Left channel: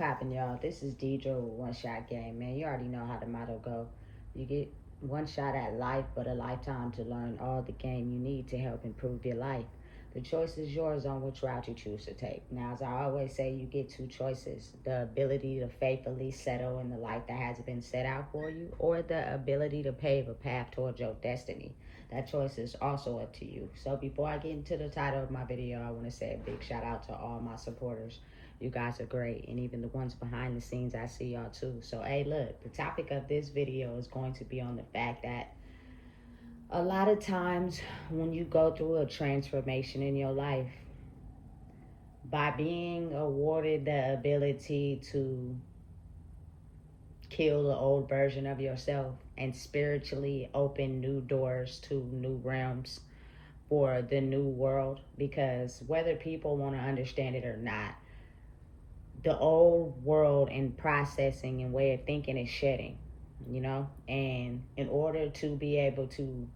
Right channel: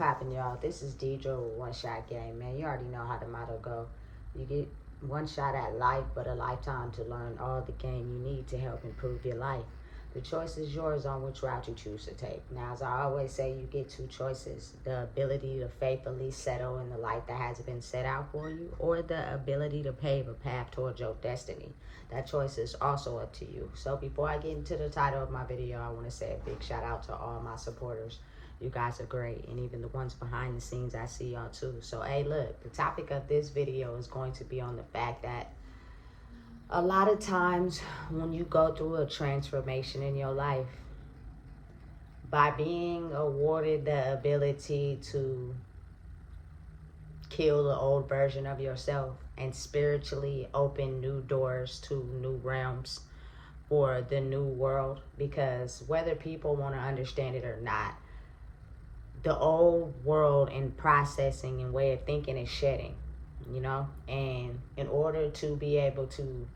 poppin', y'all? This is Deidre with One Shot Game, man. You already know how the motto go. You get one shot at life, but a lifetime to learn all the game you need to help improve your life. The choice is yours on which route you choose to take. Now, as I always say, you get two choices. The ability to faithfully settle in the life that has been set out for you, or the ability to pave a path towards your destiny. That choice is also up to you. So before I get into the title of my video, I want to say a big shout out to all my supporters. You guys are great, and even the ones behind the scenes, I see y'all too. So hey, look, the topic of this video is going to be on the fact that a lot of times when you go through a transformation in your life, by being awarded the ability to kill the old version of yourself and spiritually open new doors to new realms for the new world, because whether people want to understand it or not, the old world and processing and way of thinking is shedding, and in order to be able to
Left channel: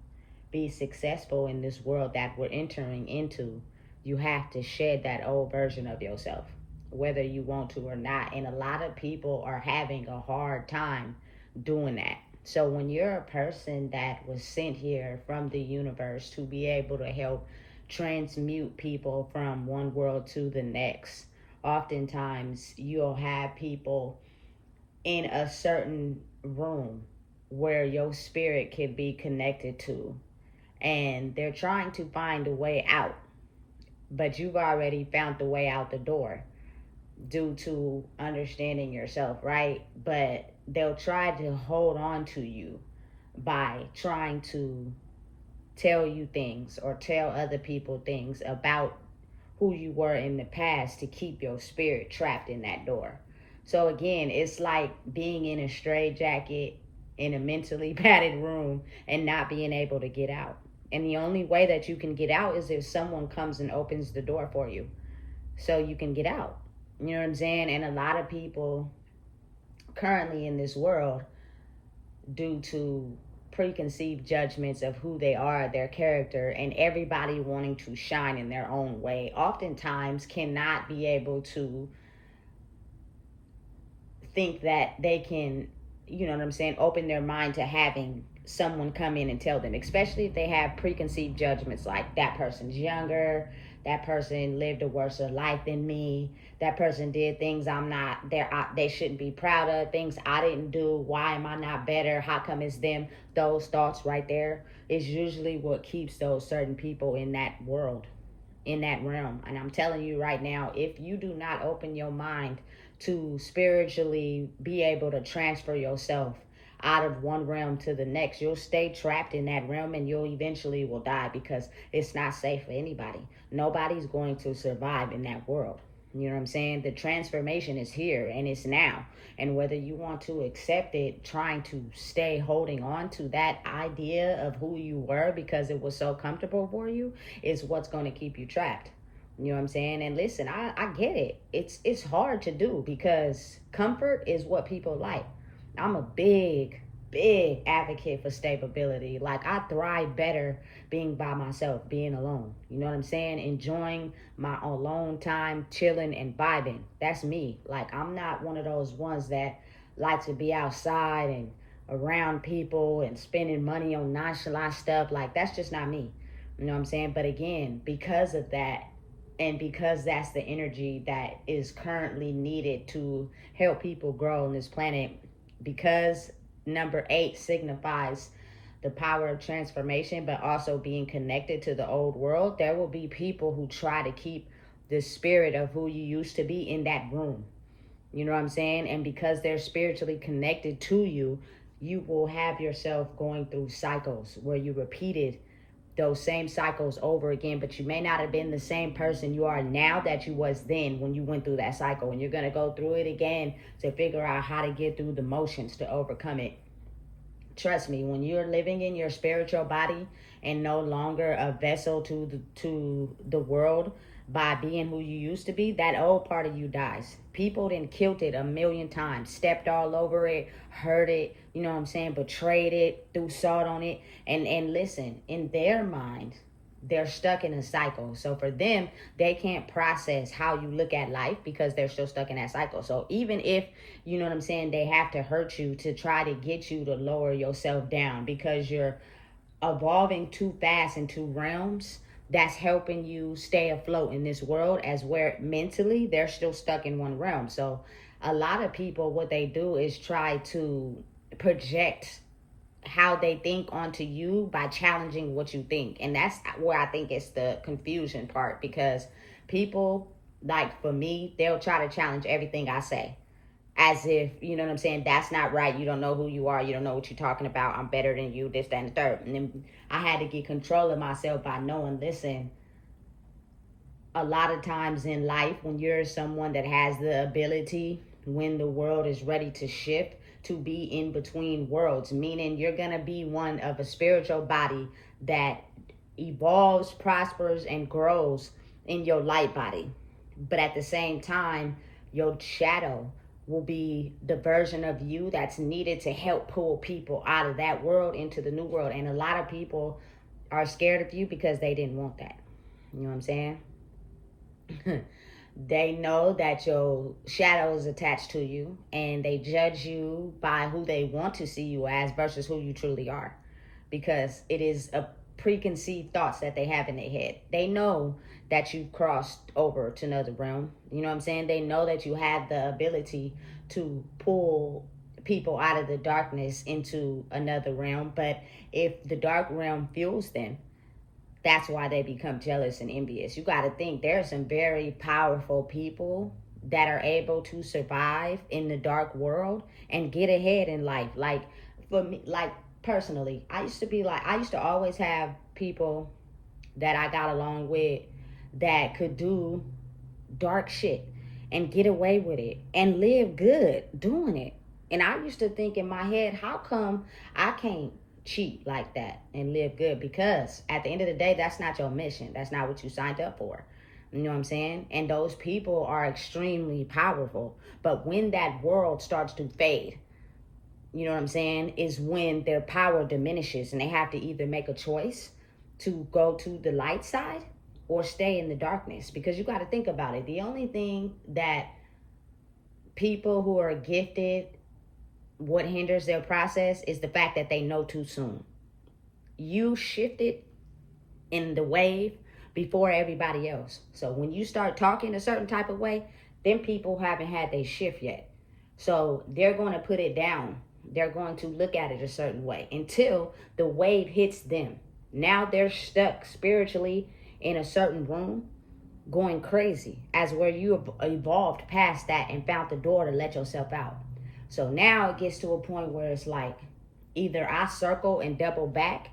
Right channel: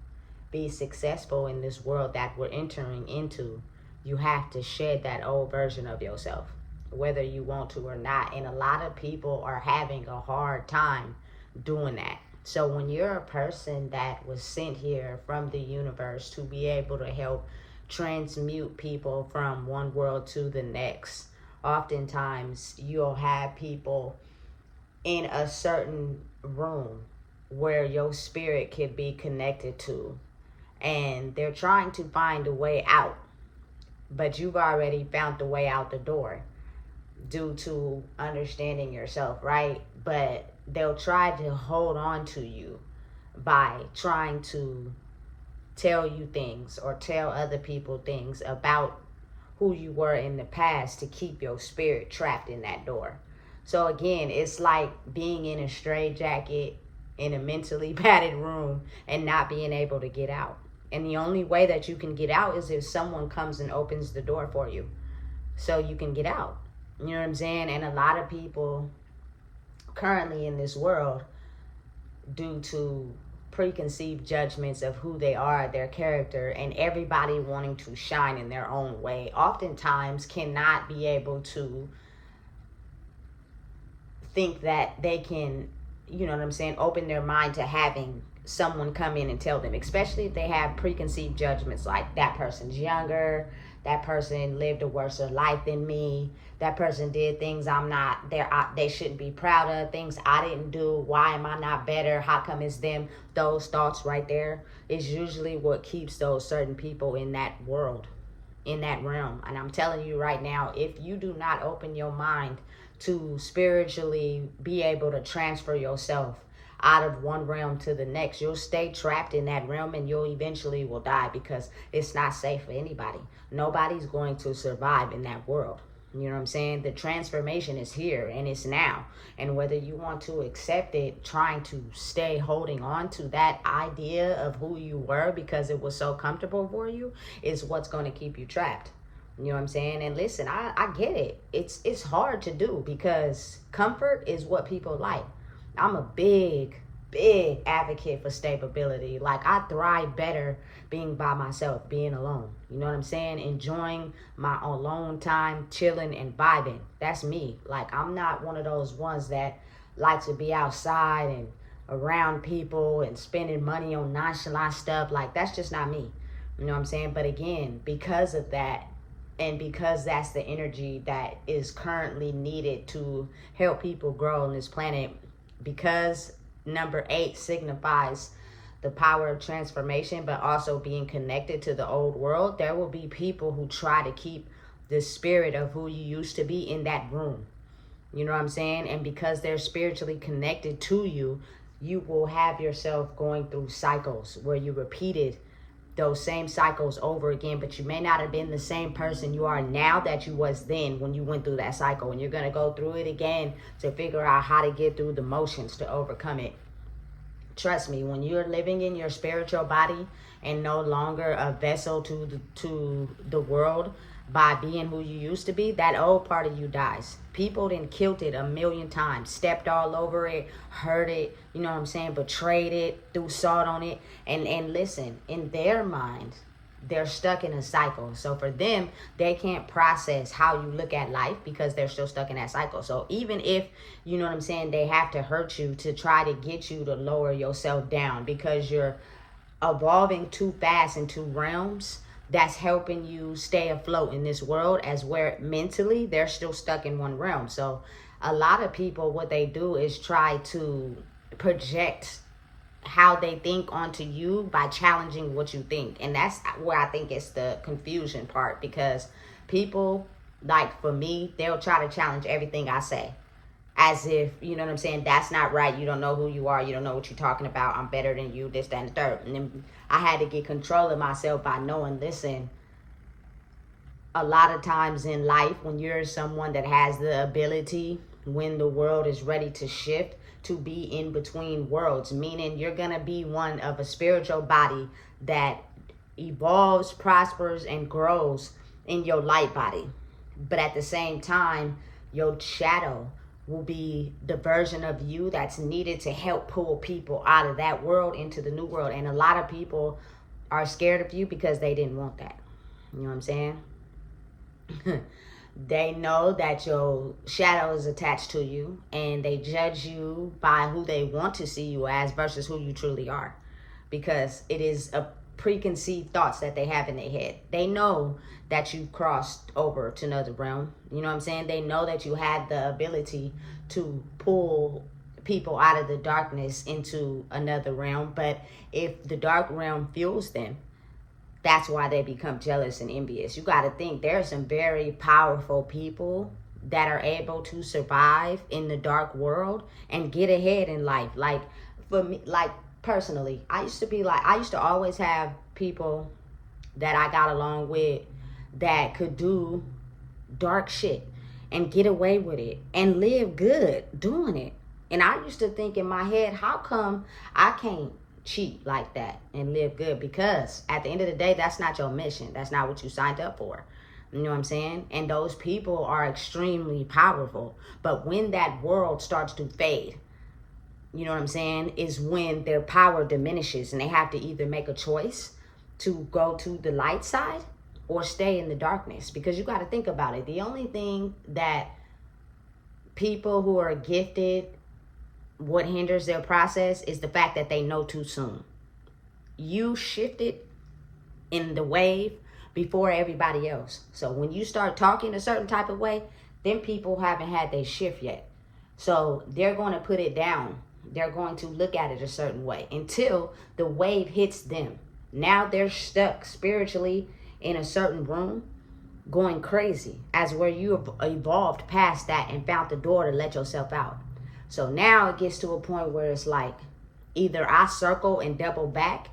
be successful in this world that we're entering into, you have to shed that old version of yourself, whether you want to or not. And a lot of people are having a hard time doing that. So when you're a person that was sent here from the universe to be able to help transmute people from one world to the next, oftentimes you'll have people in a certain room where your spirit could be connected to, and they're trying to find a way out, but you've already found the way out the door due to understanding yourself, right? But they'll try to hold on to you by trying to tell you things or tell other people things about who you were in the past to keep your spirit trapped in that door. So again, it's like being in a straitjacket in a mentally padded room and not being able to get out. And the only way that you can get out is if someone comes and opens the door for you so you can get out. You know what I'm saying? And a lot of people currently in this world, due to preconceived judgments of who they are, their character, and everybody wanting to shine in their own way, oftentimes cannot be able to think that they can, open their mind to having someone come in and tell them, especially if they have preconceived judgments like that person's younger, that person lived a worse life than me, that person did things I'm not there, they shouldn't be proud of, things I didn't do, why am I not better, how come it's them. Those thoughts right there is usually what keeps those certain people in that world, in that realm. And I'm telling you right now, if you do not open your mind to spiritually be able to transfer yourself out of one realm to the next, you'll stay trapped in that realm and you'll eventually will die, because it's not safe for anybody. Nobody's going to survive in that world. You know what I'm saying? The transformation is here and it's now. And whether you want to accept it, trying to stay holding on to that idea of who you were because it was so comfortable for you, is what's going to keep you trapped. You know what I'm saying? And listen, I get it. It's hard to do because comfort is what people like. I'm a big advocate for stability. Like, I thrive better being by myself, being alone. You know what I'm saying? Enjoying my alone time, chilling and vibing. That's me. Like, I'm not one of those ones that like to be outside and around people and spending money on nonchalant stuff. Like, that's just not me. You know what I'm saying? But again, because of that, and because that's the energy that is currently needed to help people grow on this planet, because number 8 signifies the power of transformation, but also being connected to the old world, there will be people who try to keep the spirit of who you used to be in that room. You know what I'm saying? And because they're spiritually connected to you, you will have yourself going through cycles where you repeated those same cycles over again, but you may not have been the same person you are now that you was then when you went through that cycle. And you're going to go through it again to figure out how to get through the motions to overcome it. Trust me, when you're living in your spiritual body and no longer a vessel to the world by being who you used to be, that old part of you dies. People done killed it 1,000,000 times, stepped all over it, hurt it, you know what I'm saying, betrayed it, threw salt on it. And listen, in their mind, they're stuck in a cycle. So for them, they can't process how you look at life because they're still stuck in that cycle. So even if, you know what I'm saying, they have to hurt you to try to get you to lower yourself down because you're evolving too fast in two realms, that's helping you stay afloat in this world, as where mentally they're still stuck in one realm. So a lot of people, what they do is try to project how they think onto you by challenging what you think. And that's where I think it's the confusion part, because people, like for me, they'll try to challenge everything I say, as if, you know what I'm saying, that's not right, you don't know who you are, you don't know what you're talking about, I'm better than you, this, that, and the third. And then I had to get control of myself by knowing, listen, a lot of times in life, when you're someone that has the ability, when the world is ready to shift, to be in between worlds, meaning you're gonna be one of a spiritual body that evolves, prospers, and grows in your light body. But at the same time, your shadow will be the version of you that's needed to help pull people out of that world into the new world. And a lot of people are scared of you because they didn't want that. You know what I'm saying? They know that your shadow is attached to you, and they judge you by who they want to see you as versus who you truly are, because it is a preconceived thoughts that they have in their head. They know that you crossed over to another realm. You know what I'm saying? They know that you had the ability to pull people out of the darkness into another realm. But if the dark realm fuels them, that's why they become jealous and envious. You got to think there are some very powerful people that are able to survive in the dark world and get ahead in life. Like for me, like personally, I used to always have people that I got along with that could do dark shit and get away with it and live good doing it. And I used to think in my head, how come I can't cheat like that and live good? Because at the end of the day, that's not your mission. That's not what you signed up for. You know what I'm saying? And those people are extremely powerful. But when that world starts to fade, you know what I'm saying, is when their power diminishes and they have to either make a choice to go to the light side or stay in the darkness. Because you got to think about it. The only thing that people who are gifted, what hinders their process is the fact that they know too soon. You shifted in the wave before everybody else. So when you start talking a certain type of way, then people haven't had their shift yet. So they're going to put it down. They're going to look at it a certain way until the wave hits them. Now they're stuck spiritually in a certain room, going crazy, as where you have evolved past that and found the door to let yourself out. So now it gets to a point where it's like, either I circle and double back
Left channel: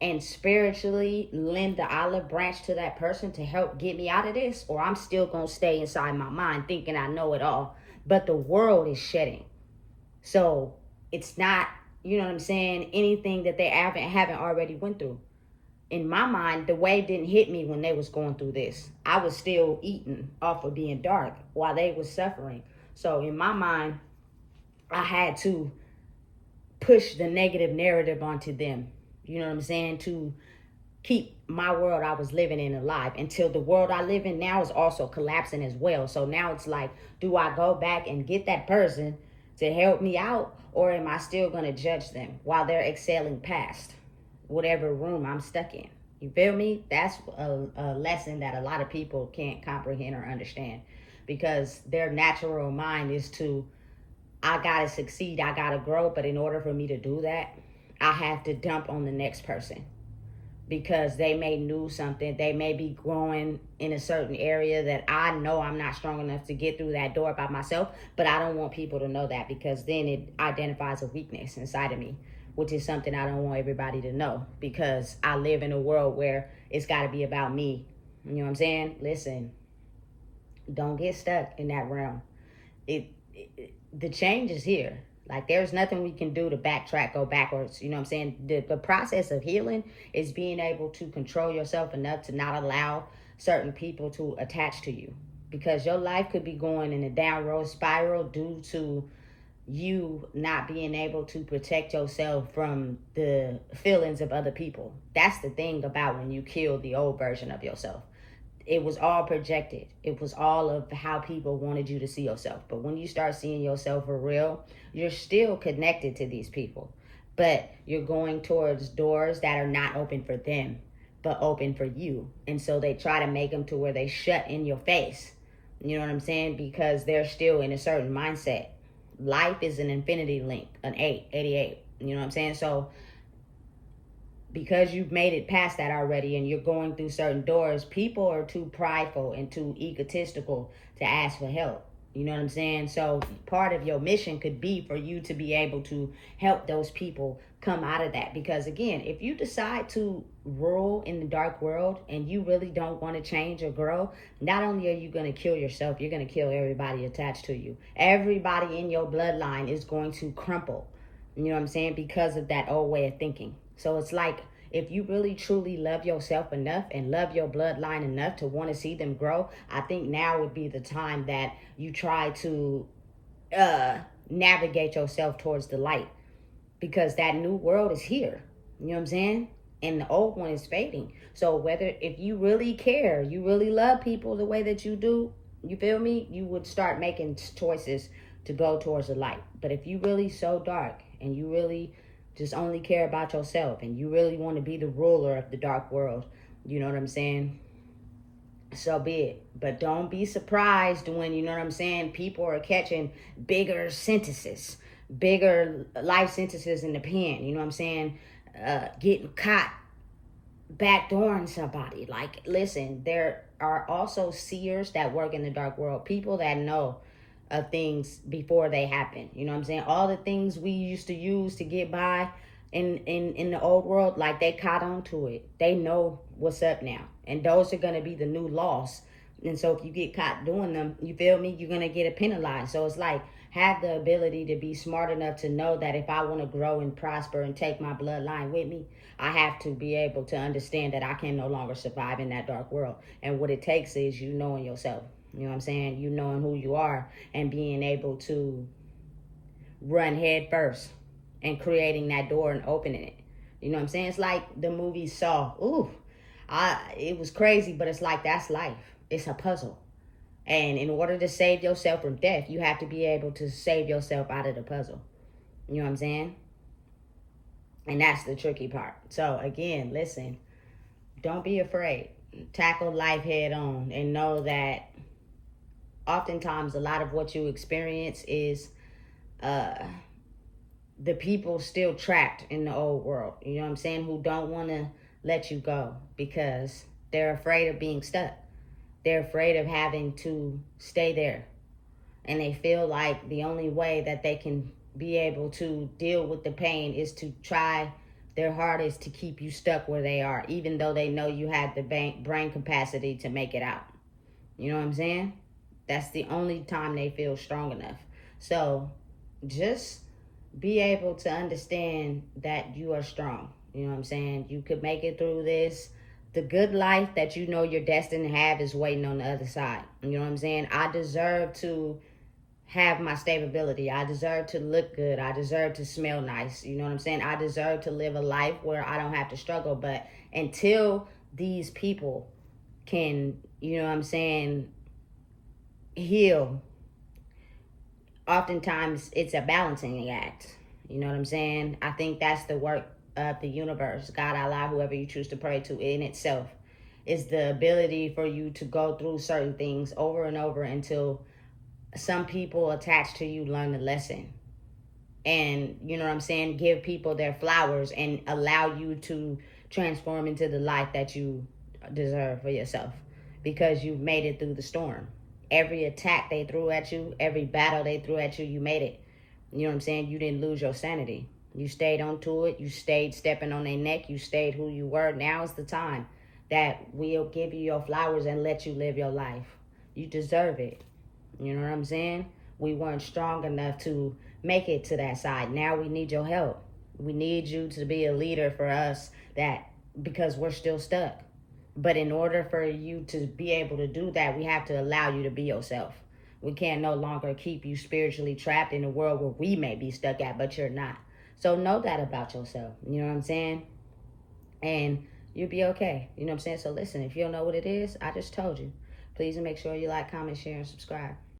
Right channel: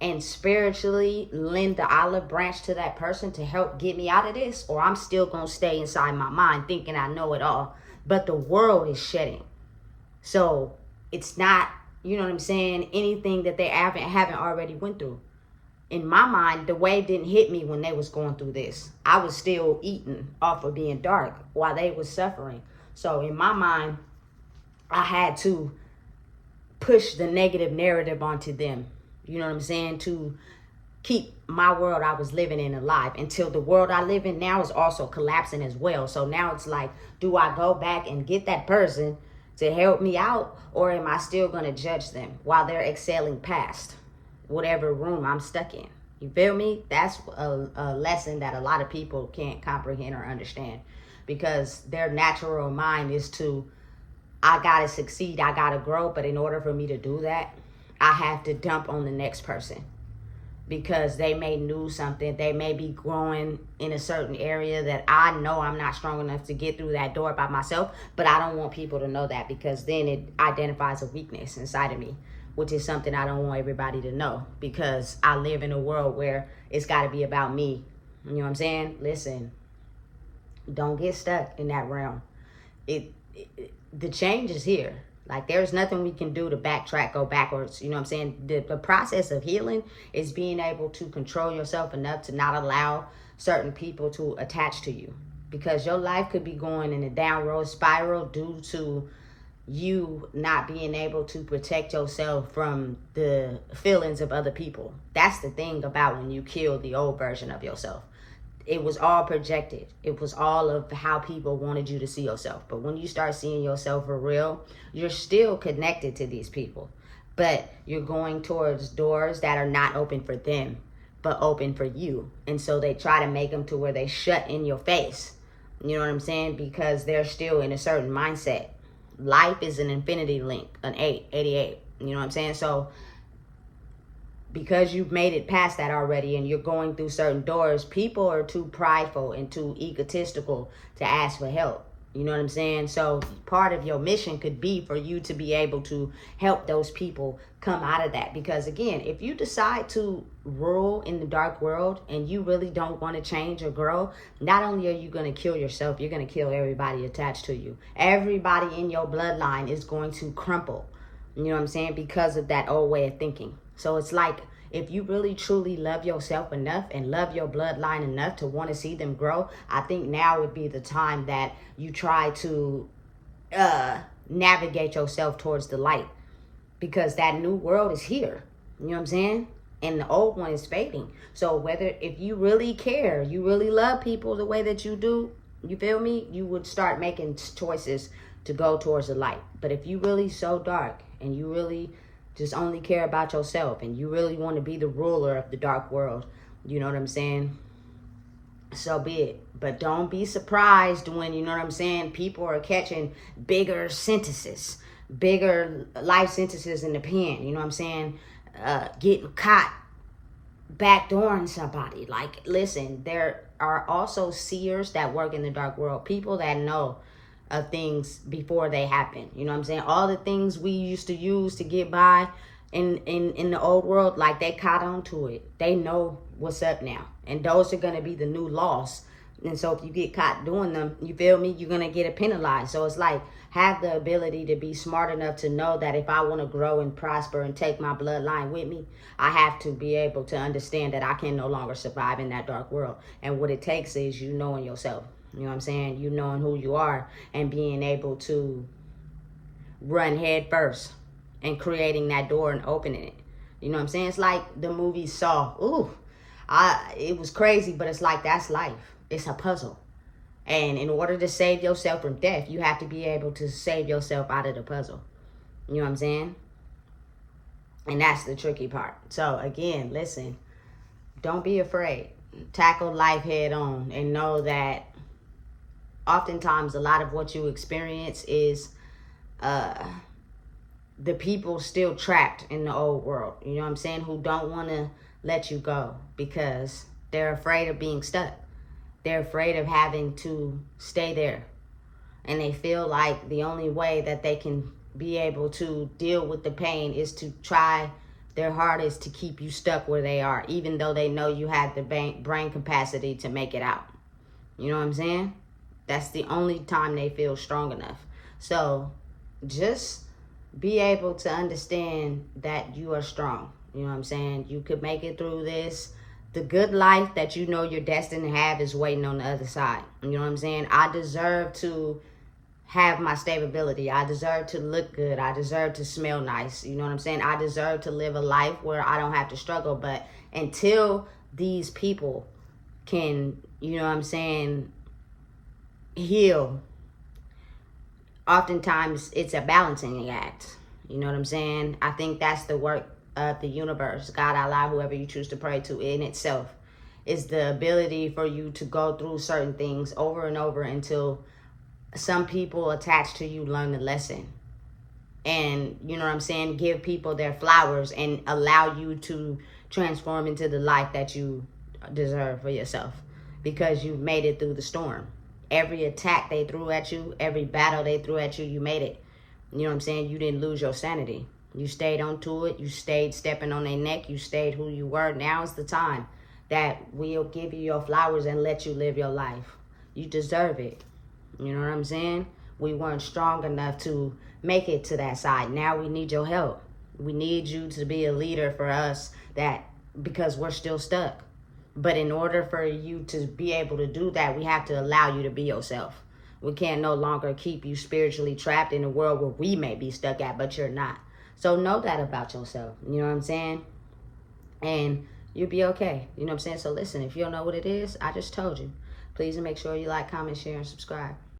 and spiritually lend the olive branch to that person to help get me out of this, or I'm still going to stay inside my mind thinking I know it all. But the world is shedding. So it's not, you know what I'm saying, anything that they haven't already went through. In my mind, the wave didn't hit me when they was going through this. I was still eating off of being dark while they was suffering. So in my mind, I had to push the negative narrative onto them. You know what I'm saying? To keep my world I was living in alive, until the world I live in now is also collapsing as well. So now it's like, do I go back and get that person to help me out, or am I still going to judge them while they're excelling past whatever room I'm stuck in? You feel me? That's a lesson that a lot of people can't comprehend or understand, because their natural mind is to, I gotta succeed, I gotta grow. But in order for me to do that, I have to dump on the next person, because they may know something. They may be growing in a certain area that I know I'm not strong enough to get through that door by myself. But I don't want people to know that, because then it identifies a weakness inside of me, which is something I don't want everybody to know, because I live in a world where it's got to be about me. You know what I'm saying? Listen, don't get stuck in that realm. The change is here. Like, there's nothing we can do to backtrack, go backwards. You know what I'm saying? The process of healing is being able to control yourself enough to not allow certain people to attach to you, because your life could be going in a downward spiral due to you not being able to protect yourself from the feelings of other people. That's the thing about when you kill the old version of yourself. It was all projected. It was all of how people wanted you to see yourself. But when you start seeing yourself for real, you're still connected to these people, but you're going towards doors that are not open for them, but open for you. And so they try to make them to where they shut in your face. You know what I'm saying? Because they're still in a certain mindset. Life is an infinity link, an 88. You know what I'm saying? So because you've made it past that already and you're going through certain doors, people are too prideful and too egotistical to ask for help. You know what I'm saying? So part of your mission could be for you to be able to help those people come out of that. Because again, if you decide to rule in the dark world and you really don't want to change or grow, not only are you going to kill yourself, you're going to kill everybody attached to you. Everybody in your bloodline is going to crumple. You know what I'm saying? Because of that old way of thinking. So it's like, if you really truly love yourself enough and love your bloodline enough to want to see them grow, I think now would be the time that you try to navigate yourself towards the light, because that new world is here. You know what I'm saying? And the old one is fading. So if you really care, you really love people the way that you do, you feel me? You would start making choices to go towards the light. But if you really so dark and you really just only care about yourself and you really want to be the ruler of the dark world, you know what I'm saying? So be it. But don't be surprised when, you know what I'm saying, people are catching bigger sentences, bigger life sentences in the pen. You know what I'm saying? Getting caught backdooring somebody. Like, listen, there are also seers that work in the dark world, people that know of things before they happen. You know what I'm saying? All the things we used to use to get by in the old world, like, they caught on to it. They know what's up now. And those are going to be the new laws. And so if you get caught doing them, you feel me, you're going to get penalized. So it's like, have the ability to be smart enough to know that if I want to grow and prosper and take my bloodline with me, I have to be able to understand that I can no longer survive in that dark world. And what it takes is you knowing yourself. You know what I'm saying? You knowing who you are and being able to run head first and creating that door and opening it. You know what I'm saying? It's like the movie Saw. Ooh, it was crazy, but it's like, that's life. It's a puzzle. And in order to save yourself from death, you have to be able to save yourself out of the puzzle. You know what I'm saying? And that's the tricky part. So again, listen, don't be afraid. Tackle life head on and know that oftentimes a lot of what you experience is the people still trapped in the old world. You know what I'm saying? Who don't want to let you go because they're afraid of being stuck. They're afraid of having to stay there. And they feel like the only way that they can be able to deal with the pain is to try their hardest to keep you stuck where they are, even though they know you have the brain capacity to make it out. You know what I'm saying? That's the only time they feel strong enough. So just be able to understand that you are strong. You know what I'm saying? You could make it through this. The good life that you know you're destined to have is waiting on the other side. You know what I'm saying? I deserve to have my stability. I deserve to look good. I deserve to smell nice. You know what I'm saying? I deserve to live a life where I don't have to struggle. But until these people can, you know what I'm saying, heal, oftentimes it's a balancing act. You know what I'm saying? I think that's the work of the universe, God, Allah, whoever you choose to pray to, in itself, is the ability for you to go through certain things over and over until some people attached to you learn the lesson. And, you know what I'm saying, give people their flowers and allow you to transform into the life that you deserve for yourself, because you've made it through the storm. Every attack they threw at you, every battle they threw at you, you made it. You know what I'm saying? You didn't lose your sanity. You stayed onto it. You stayed stepping on their neck. You stayed who you were. Now is the time that we'll give you your flowers and let you live your life. You deserve it. You know what I'm saying? We weren't strong enough to make it to that side. Now we need your help. We need you to be a leader for us, because we're still stuck. But in order for you to be able to do that, we have to allow you to be yourself. We can't no longer keep you spiritually trapped in a world where we may be stuck at, but you're not. So know that about yourself. You know what I'm saying? And you'll be okay. You know what I'm saying? So listen, if you don't know what it is, I just told you. Please make sure you like, comment, share, and subscribe.